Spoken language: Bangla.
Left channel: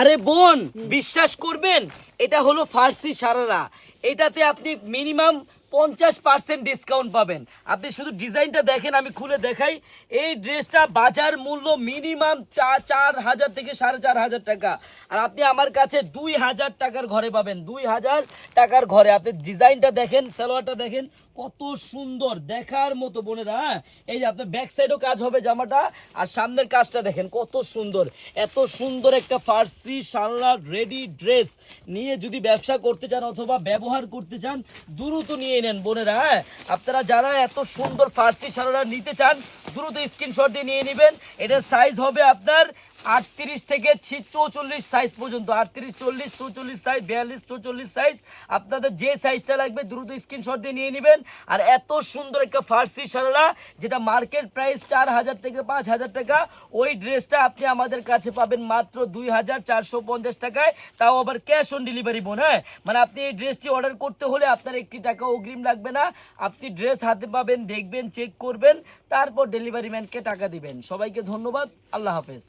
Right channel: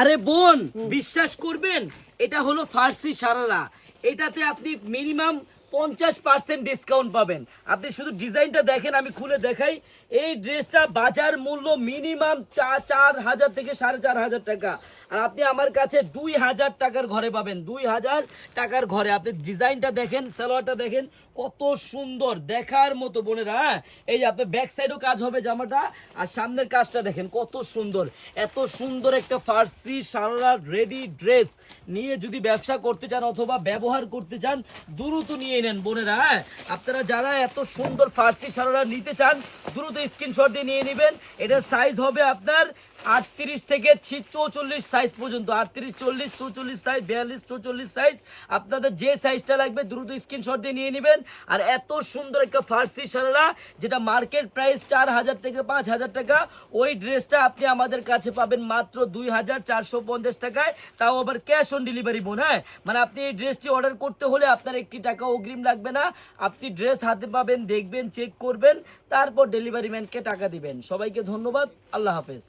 আরে বোন, বিশ্বাস করবেন, এটা হলো ফার্সি সারারা। এটাতে আপনি মিনিমাম 50% ডিসকাউন্ট পাবেন। আপনি শুধু ডিজাইনটা দেখেন, আমি খুলে দেখাই। এই ড্রেসটা বাজার মূল্য মিনিমাম 4,000 থেকে 4,500 টাকা, আর আপনি আমার কাছে 2,000 টাকার ঘরে পাবেন। 2,000 টাকার ঘরে আপনি ডিজাইনটা দেখেন, সালোয়ারটা দেখেন, কত সুন্দর দেখার মতো বোনেরা। হ্যাঁ, এই যে আপনার ব্যাক সাইডও কাজ হবে জামাটা, আর সামনের কাজটা দেখেন কত সুন্দর। এত সুন্দর একটা ফার্সি সারারা রেডি ড্রেস নিয়ে যদি ব্যবসা করতে চান অথবা ব্যবহার করতে চান, দ্রুত নিয়ে নেন বোনেরা। হ্যাঁ, আপনারা যারা এত সুন্দর ফার্সি সারারা নিতে চান, দ্রুত স্ক্রিনশট দিয়ে নিয়ে নেবেন। এটার সাইজ হবে আপনার 38 থেকে 44 সাইজ পর্যন্ত। 38, 40, 44 সাইজ, 42, 44 সাইজ। আপনাদের যে সাইজটা লাগবে দ্রুত স্ক্রিনশট দিয়ে নিয়ে নেবেন। আর এত সুন্দর একটা ফার্সি সারারা, যেটা মার্কেট প্রাইস 4,000 থেকে 5,000 টাকা, ওই ড্রেসটা আপনি আমাদের কাছে পাবেন মাত্র 2,450 টাকায়, তাও আবার ক্যাশ অন ডেলিভারি বোন। হ্যাঁ, মানে আপনি এই ড্রেসটি অর্ডার করতে হলে আপনার 1 টাকা অগ্রিম লাগবে না। আপনি ড্রেস হাতে পাবেন, দেখবেন, চেক করবেন, তারপর ডেলিভারি ম্যানকে টাকা দিবেন। সবাইকে ধন্যবাদ, আল্লাহ হাফেজ।